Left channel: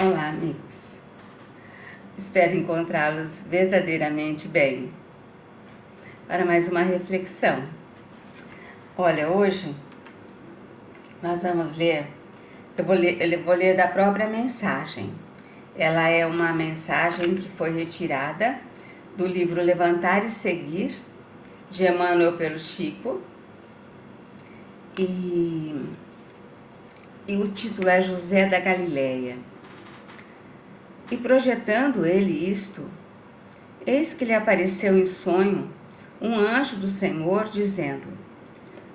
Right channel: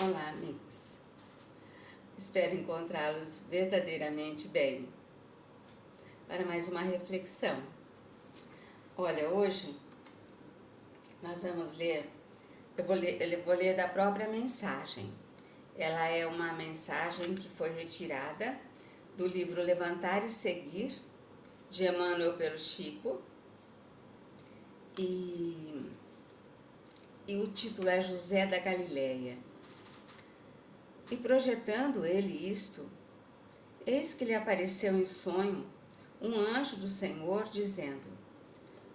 Olá, amigos. Espero encontrá-los verdadeiramente bem. Para mais uma reflexão. Olha, hoje nós vamos ler, eu vou ler da própria mensagem. Ela é uma mensagem que foi retirada do livro Levantar e Seguir, de Emmanuel pelo Chico. E o título é José da Galileia. E projetando ele isto, eis que lhe apareceu em sonho um anjo do Senhor, dizendo:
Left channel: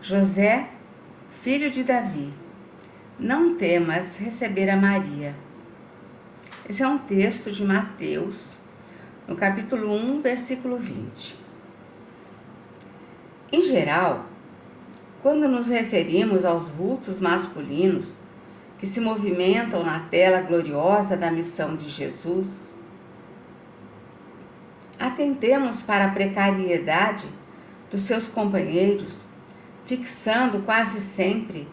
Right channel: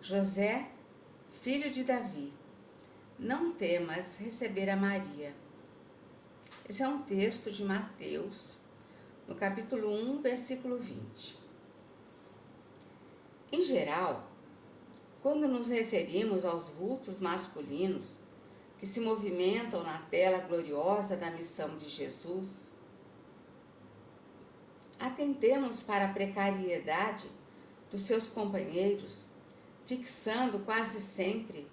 José, filho de Davi, não temas receber a Maria. Esse é um texto de Mateus, no capítulo 1, versículo 20. Em geral, quando nos referimos aos vultos masculinos que se movimentam na tela gloriosa da missão de Jesus, atentemos para a precariedade dos seus companheiros, fixando quase sempre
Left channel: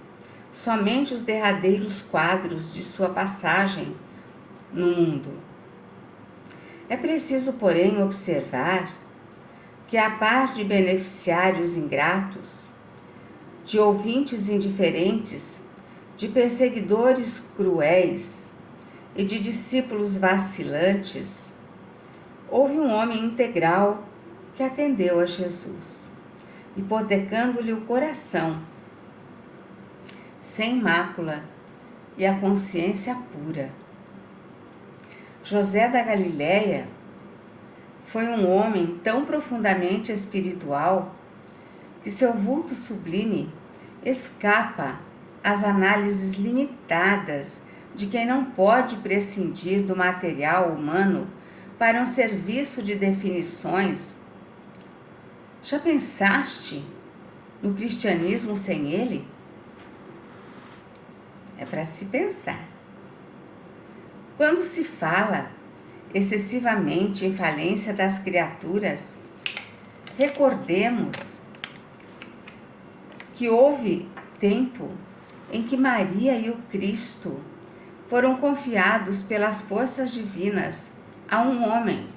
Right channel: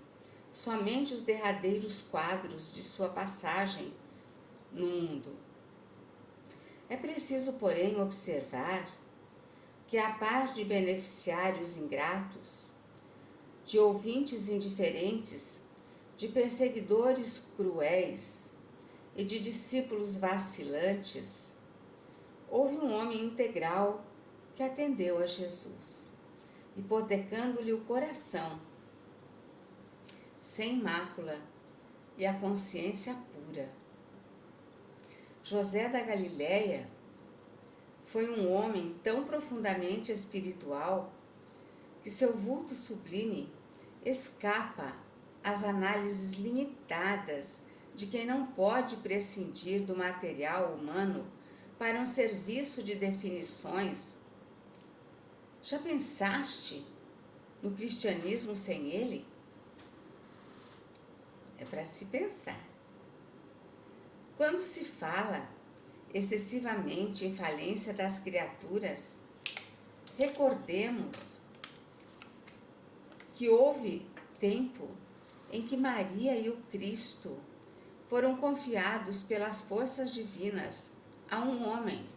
somente os derradeiros quadros de sua passagem no mundo. É preciso, porém, observar que, a par de beneficiários ingratos, de ouvintes indiferentes, de perseguidores cruéis e de discípulos vacilantes, houve um homem integral que atendeu a Jesus, hipotecando-lhe o coração, sem mácula e a consciência pura. José da Galileia foi um homem tão profundamente espiritual que seu vulto sublime escapa às análises limitadas de quem não pode prescindir do material humano para um serviço de definições. Já pensaste no cristianismo sem ele? É para se pensar. Quando se fala excessivamente em falência das criaturas, recordemos que houve tempo em que Maria e o Cristo foram confiados pelas forças divinas a um homem.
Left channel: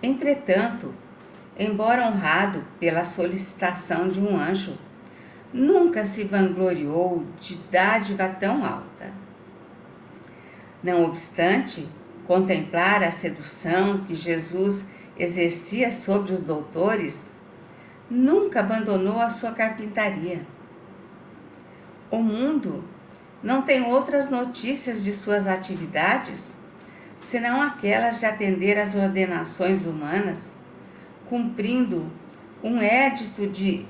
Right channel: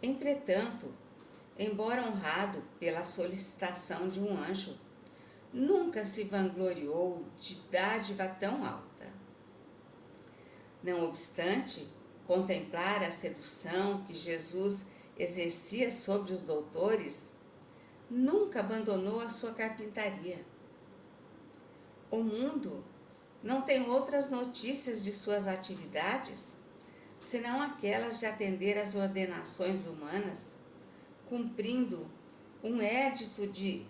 Entretanto, embora honrado pela solicitação de um anjo, nunca se vangloriou de dádiva tão alta. Não obstante, contemplar a sedução que Jesus exercia sobre os doutores, nunca abandonou a sua carpintaria. O mundo não tem outras notícias de suas atividades, senão aquelas de atender às ordenações humanas, cumprindo um édito de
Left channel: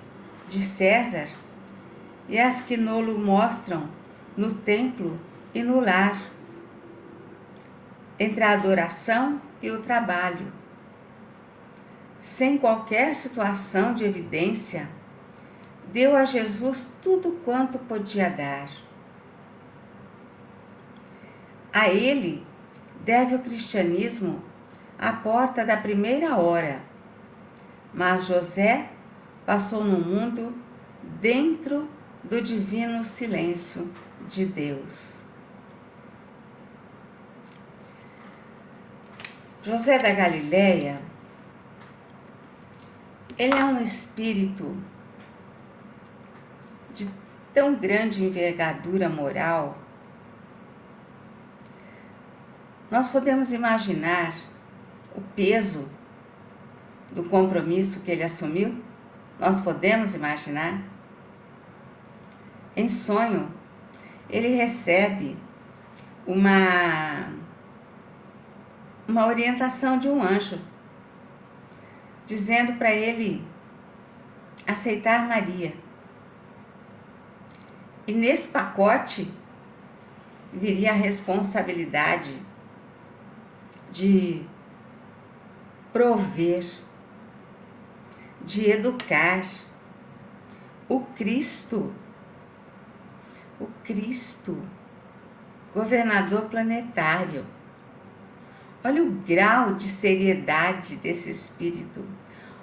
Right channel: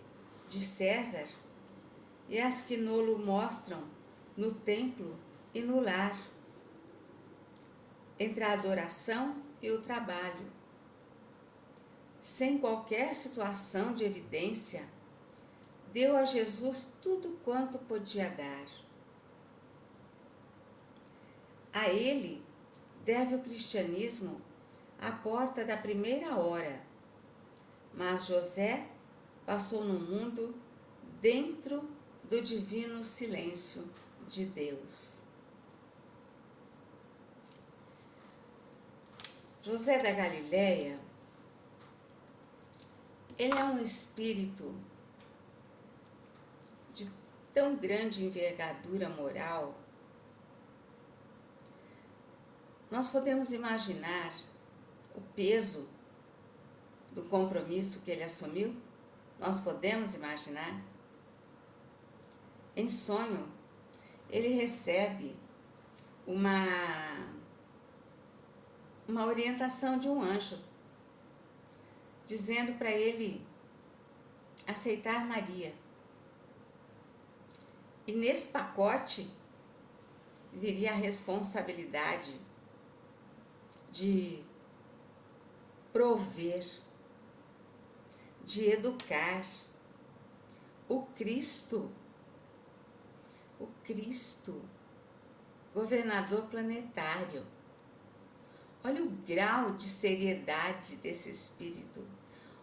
César, e as que nolo mostram no templo e no lar, entre a adoração e o trabalho. Sem qualquer situação de evidência, deu a Jesus tudo quanto podia dar. A ele deve o cristianismo a porta da primeira hora, mas José passou no mundo dentro do divino silêncio de Deus. José da Galileia, ele é um espírito de tão grande envergadura moral. Nós podemos imaginar o peso do compromisso que ele assumiu? Nós podemos imaginar? Em sonho, ele recebe uma orientação de um anjo, dizendo para ele aceitar Maria. E nesse pacote viria a responsabilidade de prover, de educar o Cristo, governador planetário. Olha o grau de seriedade desse espírito,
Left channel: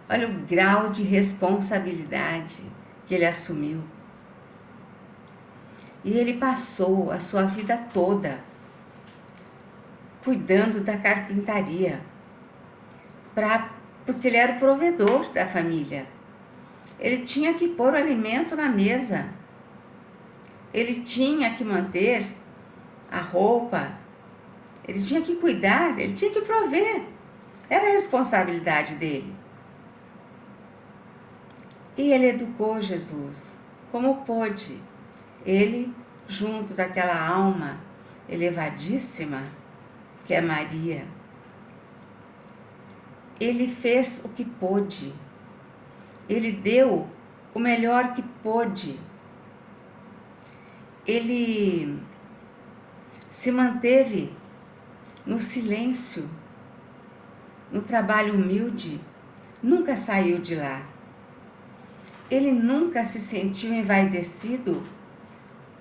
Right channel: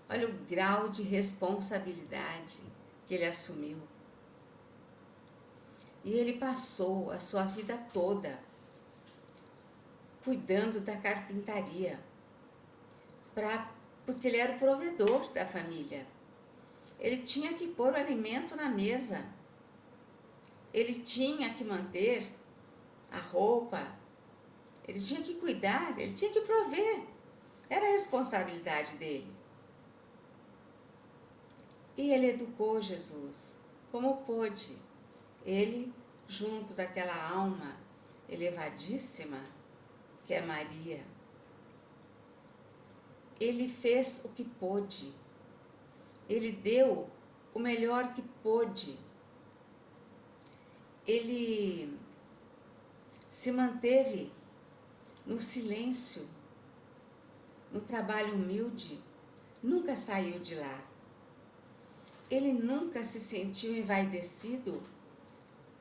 olha o grau de responsabilidade que ele assumiu. E ele passou a sua vida toda cuidando da carpintaria, porque ele era o provedor da família. Ele tinha que pôr o alimento na mesa. Ele tinha que manter a roupa. Ele tinha que cuidar, ele tinha que prover. Era a responsabilidade dele. E ele educou Jesus como pôde. Ele, junto daquela alma elevadíssima, que é Maria, ele fez o que pôde. Ele deu o melhor que pôde. Ele se manteve no silêncio, no trabalho humilde, nunca saiu de lá. Ele nunca se sentiu envaidecido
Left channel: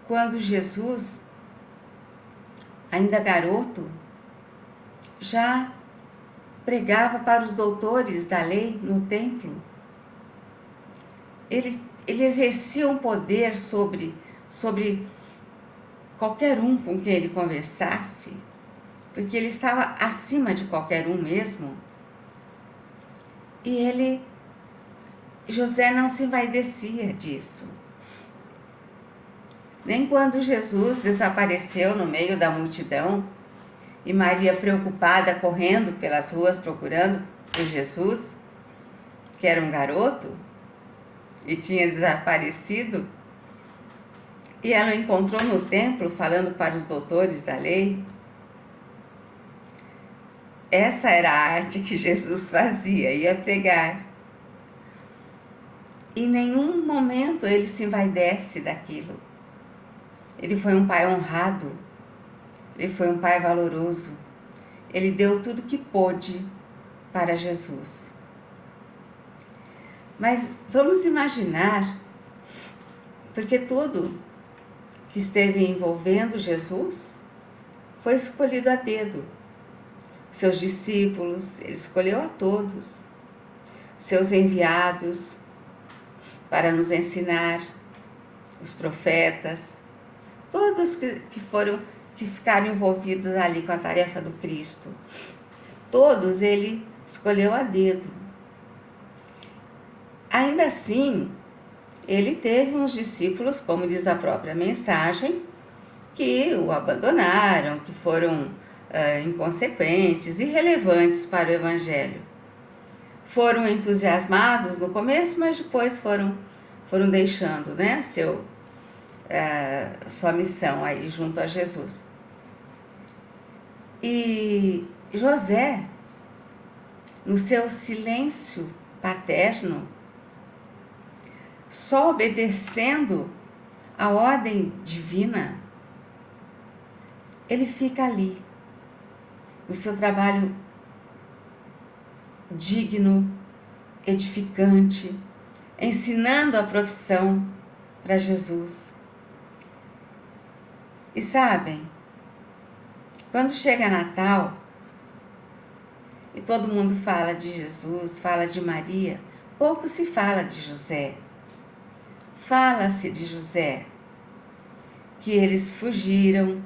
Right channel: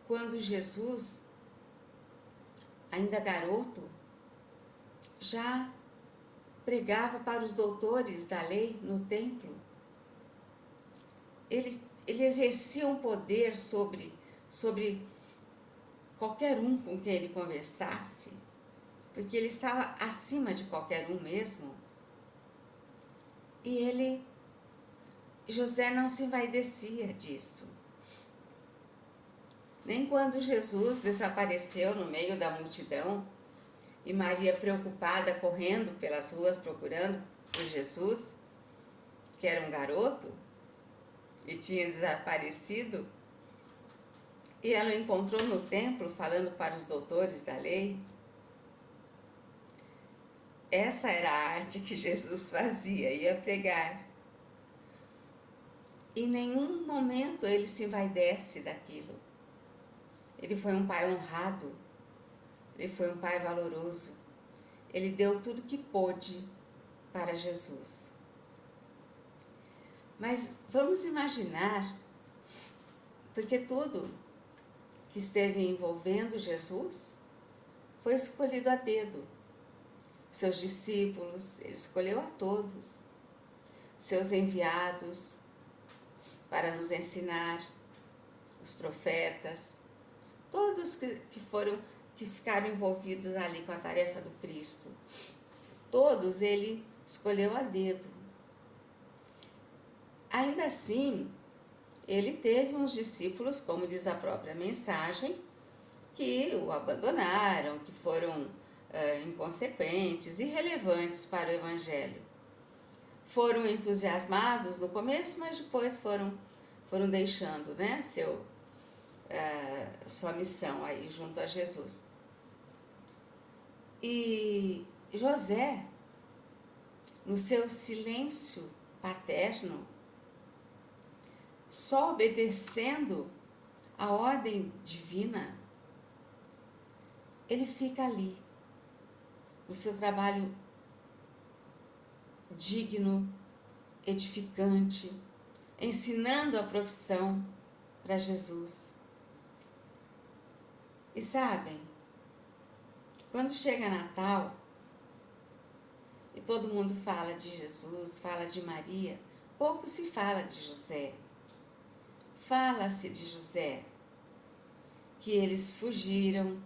quando Jesus, ainda garoto, já pregava para os doutores da lei no templo. Ele exercia um poder sobre qualquer um com quem ele conversasse, porque ele estava acima de qualquer um mesmo. E José não se envaidecia disso. Nem quando Jesus desapareceu no meio da multidão e Maria, preocupada, correndo pelas ruas procurando por Jesus, que era um garoto e tinha desaparecido, e ela o encontrou no templo falando para os doutores da lei. Essa era a arte que Jesus fazia, ia pregar. Em nenhum momento ele se envaidece daquilo. Ele foi um pai honrado, ele foi um pai valoroso. Ele deu tudo que pôde para Jesus. Mas vamos imaginar, porque tudo que esteve envolvendo Jesus foi escolhido a dedo. Seus discípulos, ele escolheu a todos. Seus enviados para nos ensinar, os profetas, todos que ficaram envolvidos ali com a tarefa do Cristo. Todos ele escolheu a dedo. Ainda assim, ele teve uns discípulos, como diz a própria mensagem, que o abandonaram, que foram inconsequentes, irrelevantes para o Evangelho. Foram entusiasmados no começo, mas depois foram deixando, né, sua missão aí junto a Jesus. E José, no seu silêncio paterno, só obedecendo a ordem divina, ele fica ali, no seu trabalho digno, edificante, ensinando a profissão para Jesus. E sabem, quando chega Natal e todo mundo fala de Jesus, fala de Maria, pouco se fala de José. Fala-se de José, que eles fugiram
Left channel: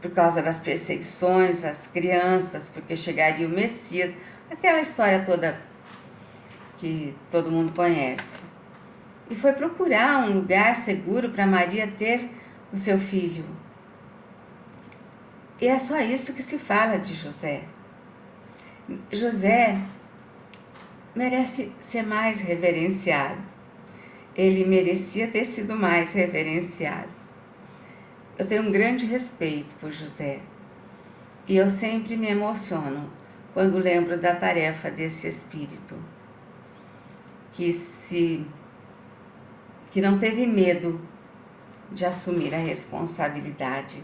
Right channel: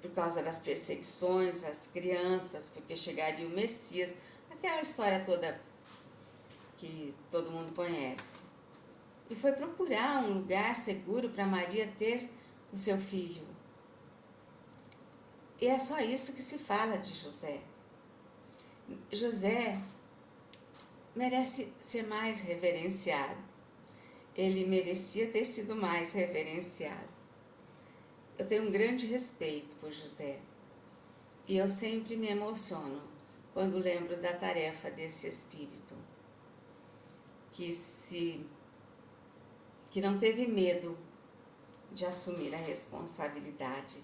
por causa das perseguições às crianças, porque chegaria o Messias, aquela história toda que todo mundo conhece. E foi procurar um lugar seguro para Maria ter o seu filho. E é só isso que se fala de José. José merece ser mais reverenciado. Ele merecia ter sido mais reverenciado. Eu tenho um grande respeito por José. E eu sempre me emociono quando lembro da tarefa desse espírito, que não teve medo de assumir a responsabilidade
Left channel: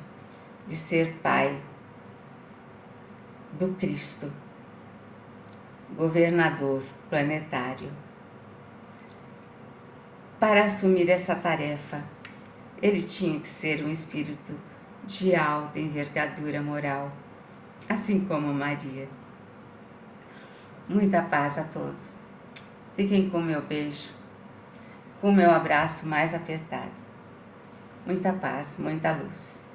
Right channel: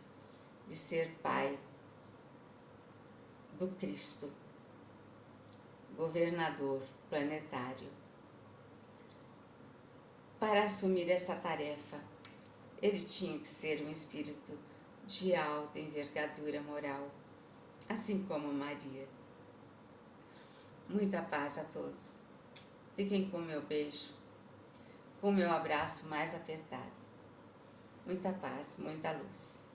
de ser pai do Cristo, governador planetário. Para assumir essa tarefa, ele tinha que ser um espírito de alta envergadura moral, assim como Maria. Muita paz a todos. Fiquem com meu beijo. com o meu abraço mais apertado. Muita paz, muita luz.